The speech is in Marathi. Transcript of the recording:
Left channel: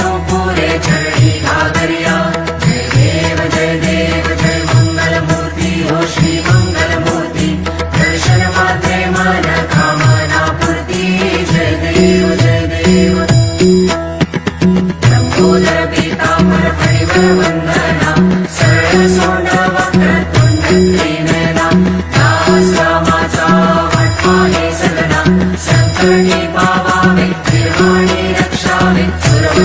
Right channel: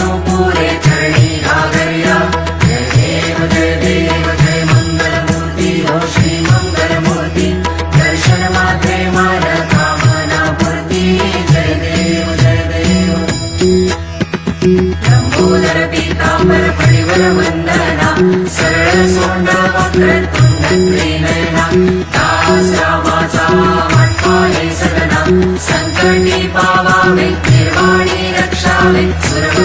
पुरे चरणी घागरिया जय देव जय मंगलमूर्ती हो श्री मंगलमूर्ती दर्शन मात्रे मन कामना पूर्ती जय देव लंबोदर पीतांबर फणिवर वंदना सरळ सोंड वक्रतुंड त्रिनयना दास रामाचा वाटपाये सदना संकटी पावावे निर्वाणी रक्षावे सुरव